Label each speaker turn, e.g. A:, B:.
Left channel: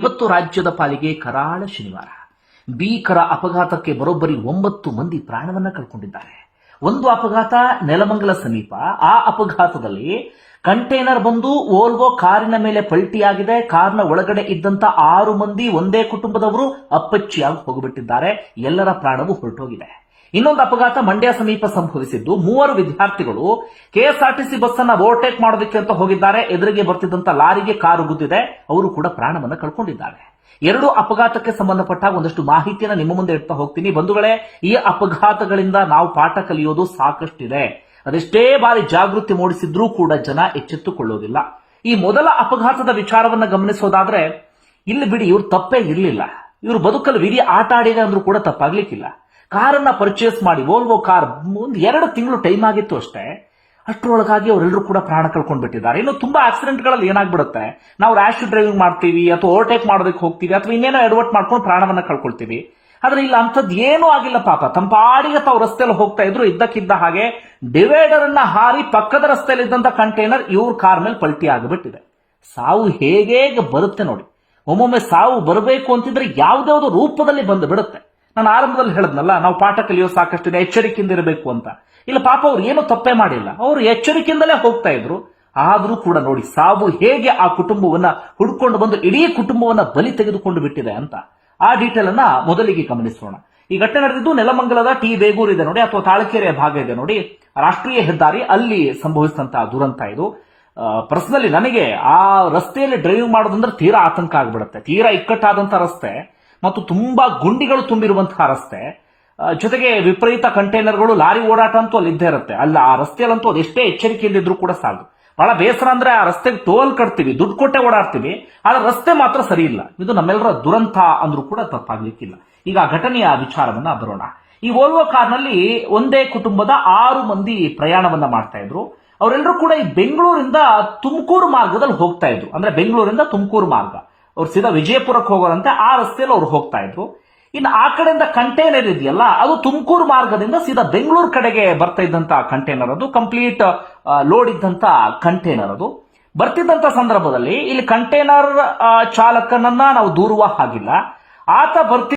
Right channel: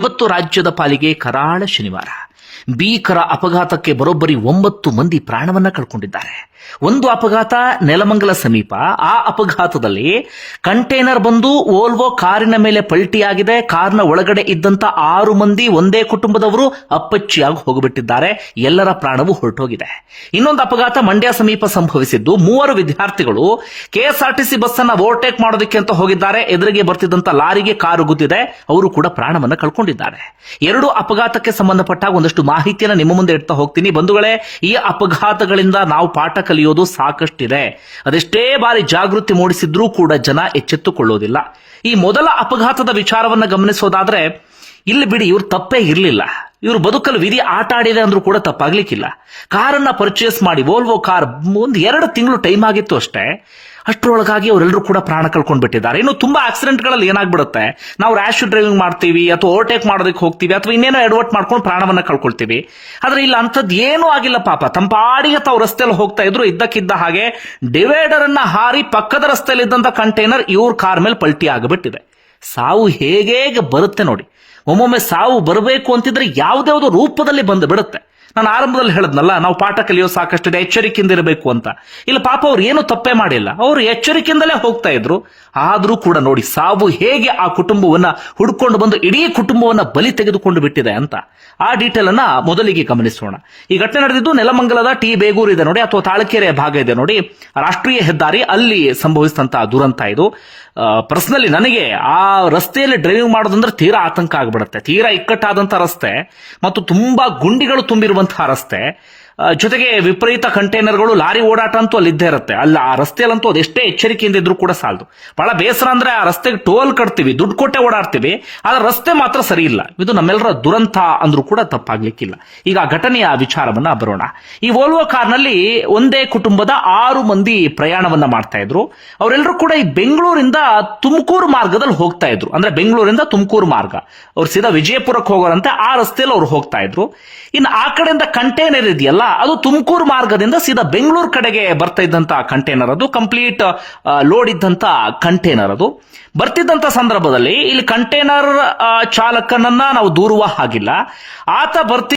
A: ಇವತ್ತು ರಾಜ್ಯದ ಪಾಲಿಗೆ ಕರಾಳ ಶನಿವಾರ. ಭೀಕರ ಅಪಘಾತಕ್ಕೆ ಬರೋಬ್ಬರಿ ಒಂಬತ್ತು ಮಂದಿ ಪ್ರಾಣವನ್ನ ಕಳ್ಕೊಂಡಿದ್ದಾರೆ. ಒಂದು ಅಪಘಾತ ನೆಲಮಂಗಲ ಸಮೀಪ. ಆ ಅಪಘಾತದಲ್ಲಿ ಕಂಟೈನರ್ ಬಂದು ಓಲ್ವೋ ಕಾರಿನ ಮೇಲೆ ಪಲ್ಟಿಯಾಗಿದೆ. ಕಾರ್ನ ಒಳಗಡೆ ಇದ್ದಂತ ಆರು ಮಂದಿ ಒಂದೇ ಕುಟುಂಬದವರು ಅಪ್ಪಚ್ಚಿಯಾಗಿ ಹೋಗಿಬಿಟ್ಟಿದ್ದಾರೆ. ಎಲ್ಲರ ಪ್ರಾಣವು ಹೊರಟೋಗಿದೆ. ಇನ್ನೊಂದು ಅಪಘಾತ ಮಂಡ್ಯ ಸಮೀಪ ಸಂಭವಿಸಿದ್ದು. ಮೂವರು ವಿದ್ಯಾರ್ಥಿಗಳು ಕೆಎಸ್ಆರ್ಟಿಸಿ ಬಸ್ ಅನ್ನ ಓವರ್ಟೇಕ್ ಮಾಡೋದಕ್ಕೆ ಅಂತ ಹೋಗಿದ್ದಾರೆ. ಎದುರಿಗೆ ಬರ್ತಿದ್ದಂತ ಲಾರಿಗೆ ಕಾರು ಗುದ್ದಿದೆ. ಅವರು ಕೂಡ ಪ್ರಾಣವನ್ನ ಕಳ್ಕೊಂಡಿದ್ದಾರೆ. ಎರಡು ಅಪಘಾತಕ್ಕೆ ಸಂಬಂಧಪಟ್ಟ ಒಂದಷ್ಟು ಮಾಹಿತಿಯನ್ನು ನಿಮ್ಮ ಮುಂದೆ ಇಡ್ತಾ ಹೋಗ್ತೀನಿ. ಬಂಧುಗಳೇ, ಈ ಅಪಘಾತಗಳಿಂದ ನಾವು ಪಾಠ ಕಲಿಯೋದು ಸಾಕಷ್ಟಿದೆ. ಅದೆಷ್ಟೇ ಬಾರಿ ಜಾಗೃತಿ ಮೂಡಿಸಿದ್ರೂ ಕೂಡ ಜನ ಎಚ್ಚೆತ್ತುಕೊಳ್ಳೋದಿಲ್ಲ. ಈ ಮೊದಲ ಅಪಘಾತದ ವಿಚಾರವನ್ನ ಗಮನಿಸೋದಾದ್ರೆ, ಇಲ್ಲಿ ಬಿಡಿ ಇವ್ರು ತಪ್ಪೇ ಇರಲಿಲ್ಲ. ಇವರು ಬದುಕಲು ವಿಧಿ ಆಟ ಆಡಿದೆ ಅಂದ್ರೂ ಕೂಡ ತಪ್ಪಾಗ್ಲಿಕ್ಕಿಲ್ಲ. ಕಾರನ್ನ ಪರ್ಚೇಸ್ ಮಾಡಿ ವೋಲ್ವೋ ಕಾರ್ ಒಂದು ಎರಡು ತಿಂಗಳು ಟೈಮ್ ಆಗಿತ್ತು ಅಷ್ಟೇ. ಅಷ್ಟರೊಳಗಾಗಿ ಅವರೆಲ್ಲರೂ ಕೂಡ ಪ್ರಾಣ ಕಳ್ಕೊಂಡು ಬಿಟ್ಟಿದ್ದಾರೆ ಇನ್ನು ತುಂಬಾ ಆಕ್ಸಿಡೆಂಟ್ಗಳಲ್ಲಿ ಏನಾಗ್ಬಿಡುತ್ತೆ? ನಾವು ರ್ಯಾಶ್ ಡ್ರೈವಿಂಗ್ ಮಾಡ್ತೀವಿ, ಅಥವಾ ಓವರ್ಟೇಕ್ ಮಾಡೋದಕ್ಕೆ ಹೋಗ್ತೀವಿ, ಅಥವಾ ಇನ್ನೇನೋ ಎಡವಟ್ ಮಾಡ್ಕೊಂಡು ಪ್ರಾಣವನ್ನ ಕಳ್ಕೊಳ್ತೀವಿ. ಆದ್ರೆ ಇಲ್ಲ, ಅಂಥದ್ದು ಏನೂ ಆಗಿಲ್ಲ ಪಾಪ. ತಂಪಾಡಿಗೆ ತಾವು ರಸ್ತೆಯಲ್ಲಿ ಹೋಗ್ತಾ ಇದ್ರು, ಇದ್ದಕ್ಕಿದ್ದ ಹಾಗೆ ಡಿವೈಡರ್ ಅನ್ನ ಹಾರಿ ಪಕ್ಕದ ರಸ್ತೆಯಲ್ಲಿ ಇದ್ದಂತ ಕಂಟೈನರ್ ಇವ್ರ ಕಾರ್ ಮೇಲೆ ಪಲ್ಟಿ ಆಗಿಬಿಟ್ಟಿದೆ. ಸಾವು ಹೇಗೆ ಬರುತ್ತೆ ನೋಡಿ. ಒಮ್ಮೊಮ್ಮೆ ಸಾವು ಬರಬೇಕು ಅಂತಿದ್ರೆ ಯಾವ್ದಾವ್ದೋ ರೂಪದಲ್ಲಿ ಬಂದು ಬಿಡುತ್ತೆ. ನಾನು ಆರಂಭದಲ್ಲಿ ಹೇಳದ್ನಲ್ಲ, ನಾವು ಪಾಠ ಕಲಿಯೋ ಸಾಕಷ್ಟಿದೆ ಎಚ್ಚರಿಕೆಯಿಂದ ಇರಬೇಕು ಅಂತ. ಇಲ್ಲ, ಪಾಪ ಅವ್ರು ಏನು ತಪ್ಪೇ ಮಾಡಿಲ್ಲ. ಅವರು ಎಚ್ಚರಿಕೆಯಿಂದಲೇ ಹೋಗ್ತಾ ಇದ್ರು. ಆದ್ರೂ ಕೂಡ ನೋಡಿ, ಸಾವು ಹೇಗೆ ಆ ಕುಟುಂಬವನ್ನ ಹುಡ್ಕೊಂಡು ಬಂದು, ಇಡೀ ಕುಟುಂಬವನ್ನ ಬಲಿ ತೆಗೆದುಕೊಂಡು ಬಿಟ್ಟಿದೆ ಅಂತ. ಆ ಡೀಟೇಲ್ ಅನ್ನ ಮೊದಲಿಗೆ ಗಮನಿಸೋಣ. ಈ ಘಟನೆ ನಡೆದಿದ್ದು ನೆಲಮಂಗಲದ ಟಿ. ಬೇಗೂರು ಇದೆ ನೋಡಿ, ಅಥವಾ ತಾಳಕೆರೆಯ ಭಾಗ ಇದೆ ನೋಡಿ. ರಾಷ್ಟ್ರೀಯ ಹೆದ್ದಾರಿ ಅಲ್ಲಿ ಸಂಭವಿಸಿದಂತಹ ದುರಂತ ಇದು. ಪರ್ಸನಲಿ ನನಗೆ ಆ ರಸ್ತೆಯಲ್ಲಿ ಡ್ರೈವಿಂಗ್ ಮಾಡೋದಂದ್ರೆ ತೀರಾ ಆತಂಕ ಆಗ್ಬಿಡುತ್ತೆ. ತೀರಾ ಇಕ್ಕಟ್ಟಾದಂತ ರಸ್ತೆ. ಮತ್ತು ತುಂಬಾ ಗುಂಡಿಗಳು ತುಂಬಿರುವಂತಹ ರಸ್ತೆ ಆ, ಜೊತೆಗೆ ವಿಪರೀತ ಕಂಟೈನರ್ಗಳು ಲಾರಿ ಓಡಾಟ ಅಂತೂ ಅಲ್ಲಿ ಇದ್ದೇ ಇರುತ್ತೆ. ಅಲ್ಲ, ಆ ರಸ್ತೆಯಲ್ಲಂತೂ ಅದೆಷ್ಟೇ ಎಚ್ಚರಿಕೆಯಿಂದ ಇದ್ರೂ ಕೂಡ ಸಾಲದು. ಬಹಳ ಬೇಸರ ಅಂದ್ರೆ ಆ ರಸ್ತೆಗೆ ಟೋಲ್ ಕಟ್ತೀವಿ, ದುಡ್ಡು ಕೊಟ್ಟೆ ಓಡಾಡ್ತೀವಿ, ಆದ್ರೆ ರಸ್ತೆ ಮಾತ್ರ ಸರಿ ಇಲ್ಲ. ಇದು ನಮ್ಮೆಲ್ಲರ ದುರಂತ ಅಂದ್ರೂ ಕೂಡ ತಪ್ಪಾಗ್ಲಿಕ್ಕಿಲ್ಲ. ಈಗ ಆ ಘಟನೆಯ ವಿಚಾರವನ್ನ ಬರೋಣ. ಈ ವೋಲ್ವೋ ಕಾರ್ನಲ್ಲಿ ಒಂದೇ ಕುಟುಂಬದ ಆರು ಮಂದಿ ಪ್ರಯಾಣವನ್ನ ಮಾಡ್ತಾ ಇದ್ರು. ಅವರೆಲ್ಲರೂ ಕೂಡ ಈ ಬೆಂಗಳೂರಿಂದ ತುಮಕೂರು ಮಾರ್ಗದಲ್ಲಿ ಹೋಗ್ತಾ ಇದ್ರು. ಅಂದ್ರೆ ಬೆಂಗಳೂರಿಂದ ತುಮಕೂರು ಮಾರ್ಗ. ಅವ್ರು ಸೀದಾ ವಿಜಯಪುರಕ್ಕೆ ಹೋಗೋರಂತೆ ಆ ರಸ್ತೆಯಲ್ಲಿ ಅವ್ರು ಹೋಗ್ತಾ ಇದ್ರು. ಇನ್ನು ಆ ಕಡೆಯಿಂದ ಕಂಟೈನರ್ ಇದೆಯಲ್ಲ ಅದು ತುಮಕೂರು ಮಾರ್ಗದಿಂದ ಸೀದಾ ಬೆಂಗಳೂರು ಕಡೆಗೆ ಬರ್ತಾ ಇದ್ದಂತ ಕಂಟೈನರ್ ಅದು ಕಂಪ್ಲೀಟ್ ಲೋಡ್ ಇದ್ದಂತ ಕಂಟೈನರ್ ಅದು. ಬರ್ತಿದ್ದಂತ ಸಂದರ್ಭದಲ್ಲಿ ಇಲ್ಲಿ ಕಂಟೈನರ್ ಚಾಲಕನನ್ನ ನಾವು ದೂರುವ ಹಾಗಿಲ್ಲ. ಆತ ಬರ್ತಿ